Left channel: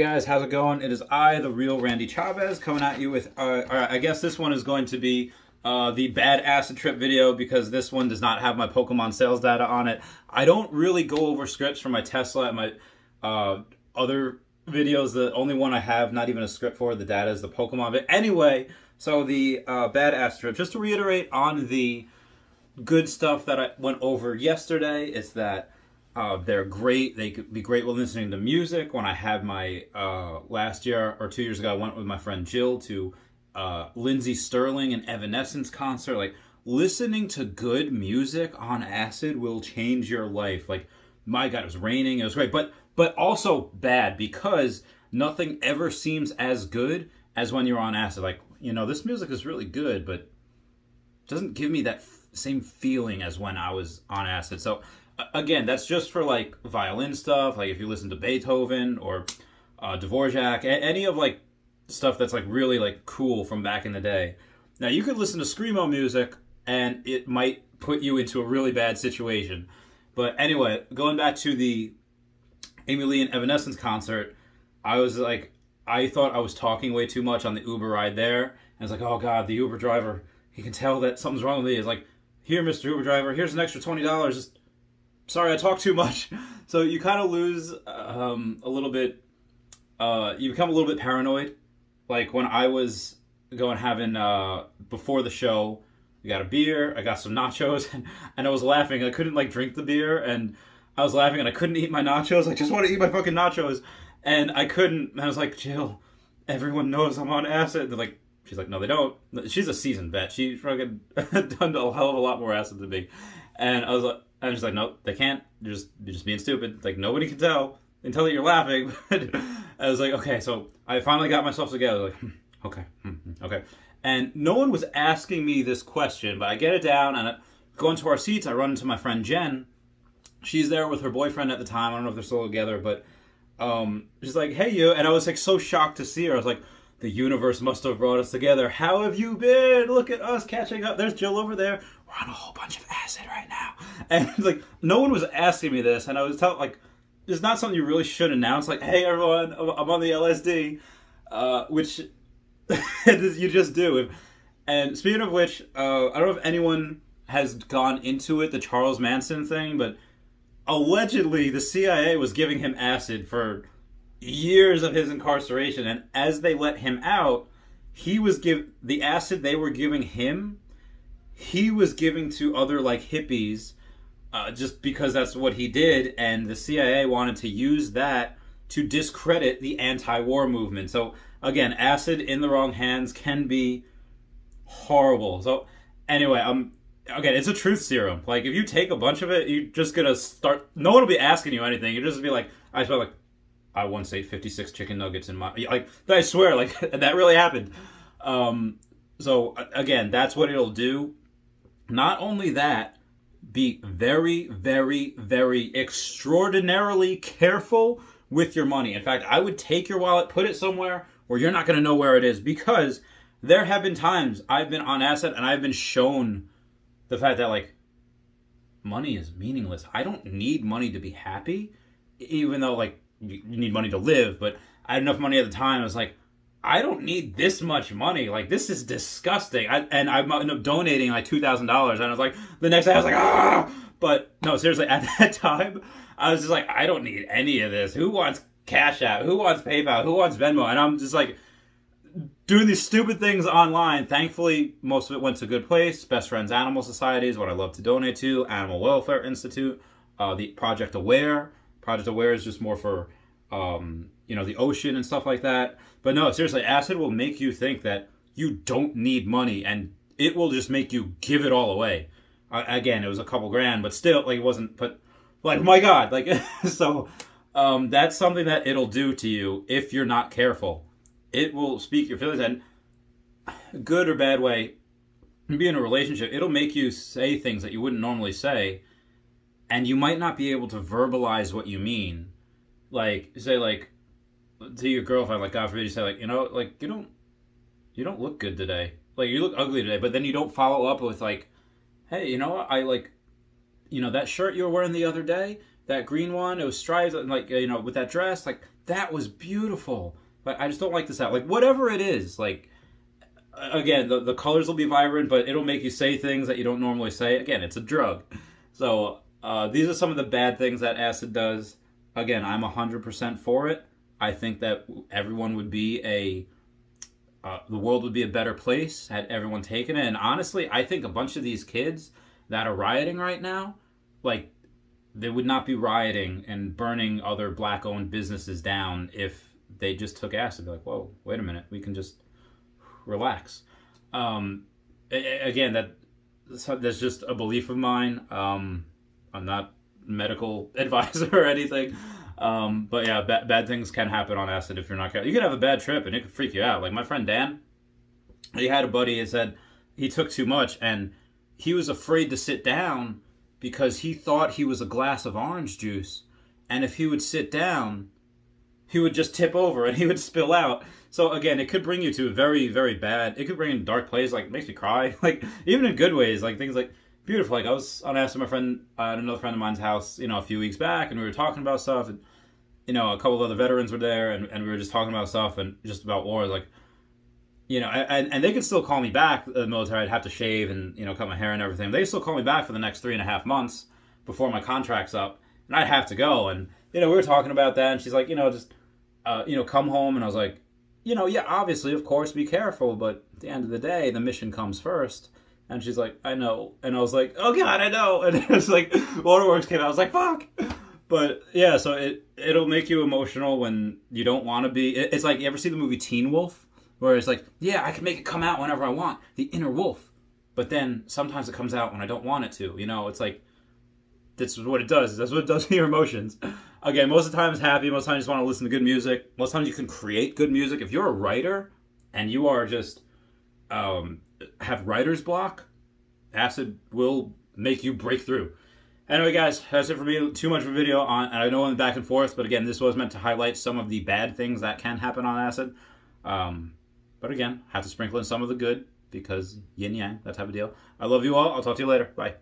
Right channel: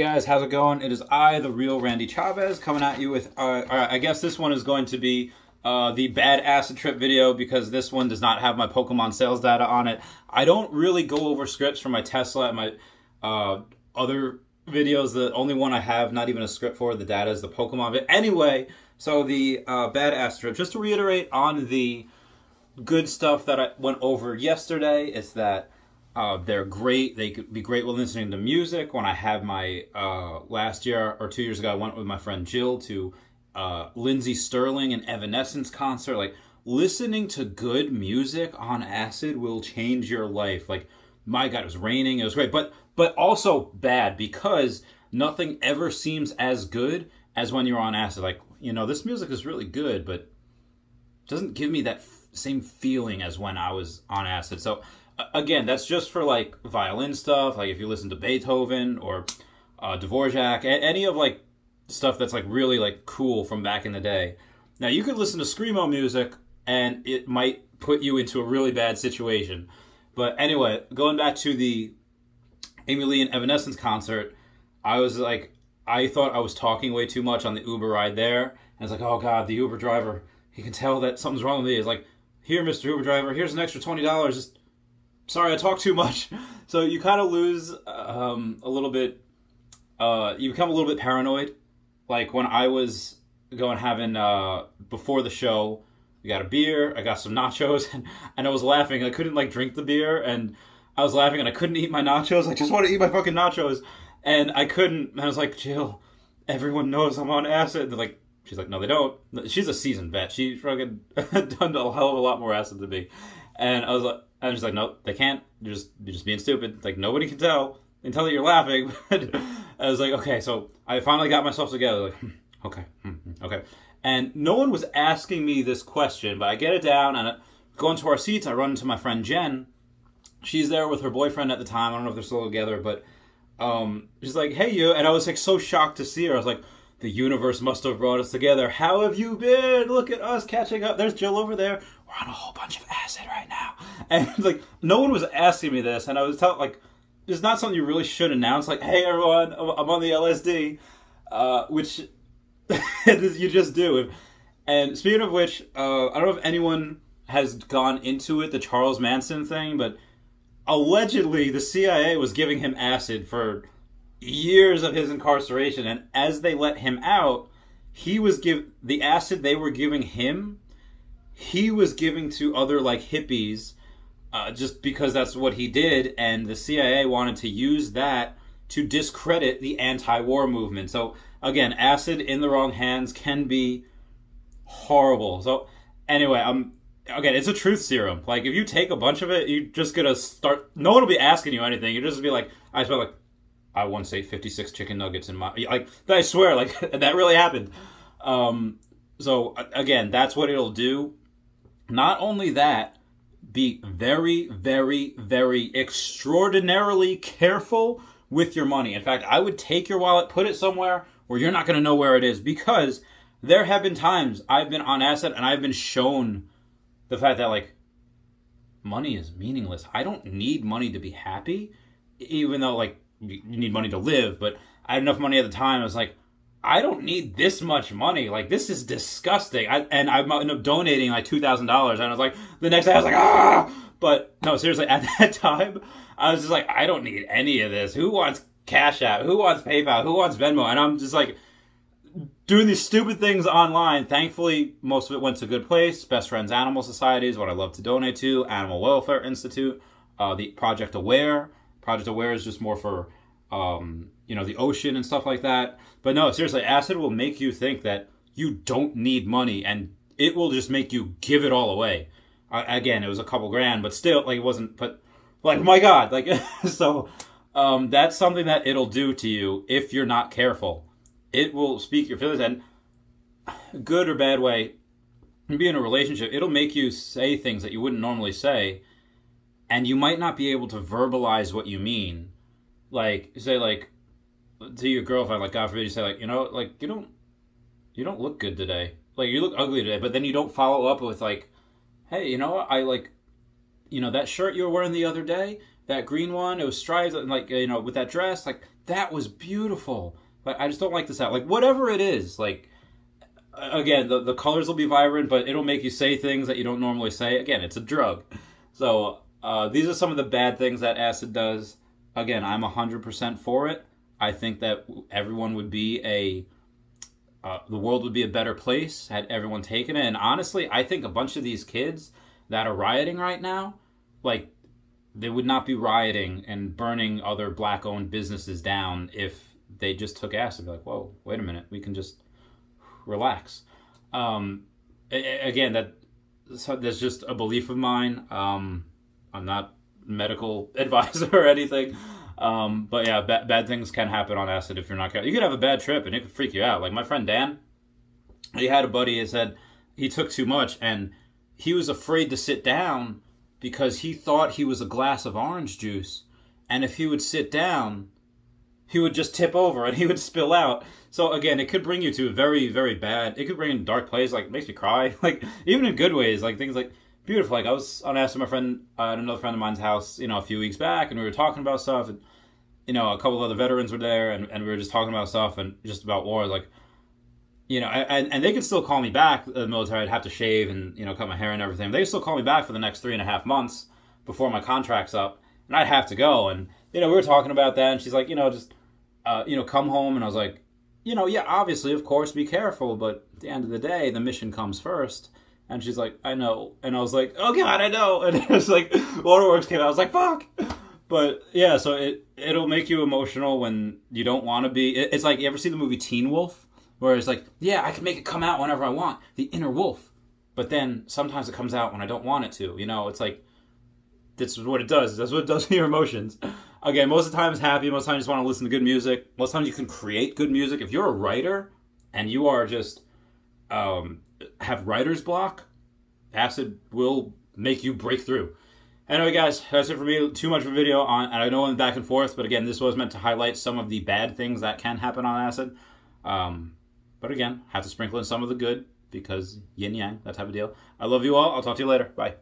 Hey guys, how's it going? It is I, the real Randy Chavez, coming at you with, I guess this one is going to be the bad acid trip video because this one does not have my Pokemon sales data on it. I don't really go over scripts for my Tesla and my other videos. The only one I have not even a script for, the data is the Pokemon. But anyway, so the bad acid trip, just to reiterate on the good stuff that I went over yesterday, is that they're great. They could be great when listening to music. When I had my, last year or 2 years ago, I went with my friend Jill to Lindsey Stirling and Evanescence concert. Like, listening to good music on acid will change your life. Like, my God, it was raining. It was great. But also bad, because nothing ever seems as good as when you're on acid. Like, you know, this music is really good, but it doesn't give me that same feeling as when I was on acid. So again, that's just for like violin stuff. Like if you listen to Beethoven or Dvorak, any of like stuff that's like really like cool from back in the day. Now you could listen to screamo music and it might put you into a really bad situation. But anyway, going back to the Amy Lee and Evanescence concert, I was like, I thought I was talking way too much on the Uber ride there. And I was like, oh God, the Uber driver, he can tell that something's wrong with me. It's like, here, Mr. Uber driver, here's an extra $20. Just, sorry, I talk too much. So you kind of lose a little bit, you become a little bit paranoid. Like when I was going having, before the show, we got a beer, I got some nachos, and I was laughing. I couldn't like drink the beer, and I was laughing, and I couldn't eat my nachos. I just want to eat my fucking nachos. And I couldn't, and I was like, Jill, everyone knows I'm on acid. And they're like, she's like, no, they don't. She's a seasoned vet. She's fucking done a hell of a lot more acid than me. And I was like, I'm just like, no, they can't. You're just being stupid. Like, nobody can tell until you're laughing. But I was like, okay. So I finally got myself together. Like, okay, okay. And no one was asking me this question, but I get it down, and I go into our seats. I run into my friend Jen. She's there with her boyfriend at the time. I don't know if they're still together, but she's like, hey, you. And I was like so shocked to see her. I was like, the universe must have brought us together. How have you been? Look at us catching up. There's Jill over there. We're on a whole bunch of acid right now. And like, no one was asking me this. And I was telling, like, it's not something you really should announce. Like, hey, everyone, I'm on the LSD. Which you just do. And speaking of which, I don't know if anyone has gone into it, the Charles Manson thing, but allegedly the CIA was giving him acid for years of his incarceration, and as they let him out, he was the acid they were giving him, he was giving to other like hippies, just because that's what he did, and the CIA wanted to use that to discredit the anti-war movement. So again, acid in the wrong hands can be horrible. So anyway, again, it's a truth serum. Like, if you take a bunch of it, you're just gonna start, no one will be asking you anything. You just be like, I once ate 56 chicken nuggets in my, like, I swear, like, that really happened. So, again, that's what it'll do. Not only that, be very, very, very extraordinarily careful with your money. In fact, I would take your wallet, put it somewhere where you're not going to know where it is, because there have been times I've been on acid and I've been shown the fact that, like, money is meaningless. I don't need money to be happy, even though, like, you need money to live, but I had enough money at the time. I was like, I don't need this much money. Like, this is disgusting. And I ended up donating like $2,000. And I was like, the next day I was like, ah! But no, seriously, at that time, I was just like, I don't need any of this. Who wants Cash App? Who wants PayPal? Who wants Venmo? And I'm just like doing these stupid things online. Thankfully, most of it went to a good place. Best Friends Animal Society is what I love to donate to. Animal Welfare Institute. The Project Aware. Project Aware is just more for, you know, the ocean and stuff like that. But no, seriously, acid will make you think that you don't need money, and it will just make you give it all away. Again, it was a couple grand, but still, like, it wasn't, but, like, my God, like, so, that's something that it'll do to you if you're not careful. It will speak your feelings, and good or bad way, be in a relationship, it'll make you say things that you wouldn't normally say, and you might not be able to verbalize what you mean. Like, say, like, to your girlfriend, like, God forbid, you say, like, you know, like, you don't look good today. Like, you look ugly today, but then you don't follow up with, like, hey, you know what, I, like, you know, that shirt you were wearing the other day, that green one, it was stripes, like, you know, with that dress, like, that was beautiful. Like, I just don't like this out. Like, whatever it is, like, again, the colors will be vibrant, but it'll make you say things that you don't normally say. Again, it's a drug. So, these are some of the bad things that acid does. Again, I'm 100% for it. I think that everyone would be the world would be a better place had everyone taken it. And honestly, I think a bunch of these kids that are rioting right now, like, they would not be rioting and burning other black-owned businesses down if they just took acid. Be like, whoa, wait a minute, we can just relax. Again, that's just a belief of mine. I'm not a medical advisor or anything. But yeah, bad things can happen on acid if you're not careful. You could have a bad trip and it could freak you out. Like my friend Dan, he had a buddy who said he took too much and he was afraid to sit down because he thought he was a glass of orange juice. And if he would sit down, he would just tip over and he would spill out. So again, it could bring you to a very, very bad, it could bring you in dark places, like it makes me cry. Like even in good ways, like things like beautiful. Like I was on acid with my friend at another friend of mine's house, you know, a few weeks back, and we were talking about stuff, and you know, a couple of other veterans were there, and we were just talking about stuff and just about war, like, you know, and they could still call me back, the military. I'd have to shave and, you know, cut my hair and everything. They still call me back for the next 3.5 months before my contract's up, and I'd have to go. And, you know, we were talking about that, and she's like, you know, just, you know, come home. And I was like, you know, yeah, obviously, of course, be careful, but at the end of the day, the mission comes first. And she's like, I know. And I was like, oh, God, I know. And it was like, Waterworks came out. I was like, fuck. But, yeah, so it'll make you emotional when you don't want to be. It's like, you ever see the movie Teen Wolf? Where it's like, yeah, I can make it come out whenever I want. The inner wolf. But then sometimes it comes out when I don't want it to. You know, it's like, this is what it does. That's what it does to your emotions. Again, most of the time it's happy. Most of the time you just want to listen to good music. Most of the time you can create good music. If you're a writer and you are just... have writer's block, acid will make you break through. Anyway, guys, that's it for me. Too much of a video on, and I know I'm back and forth, but again, this was meant to highlight some of the bad things that can happen on acid. But again, have to sprinkle in some of the good because yin yang, that type of deal. I love you all. I'll talk to you later. Bye.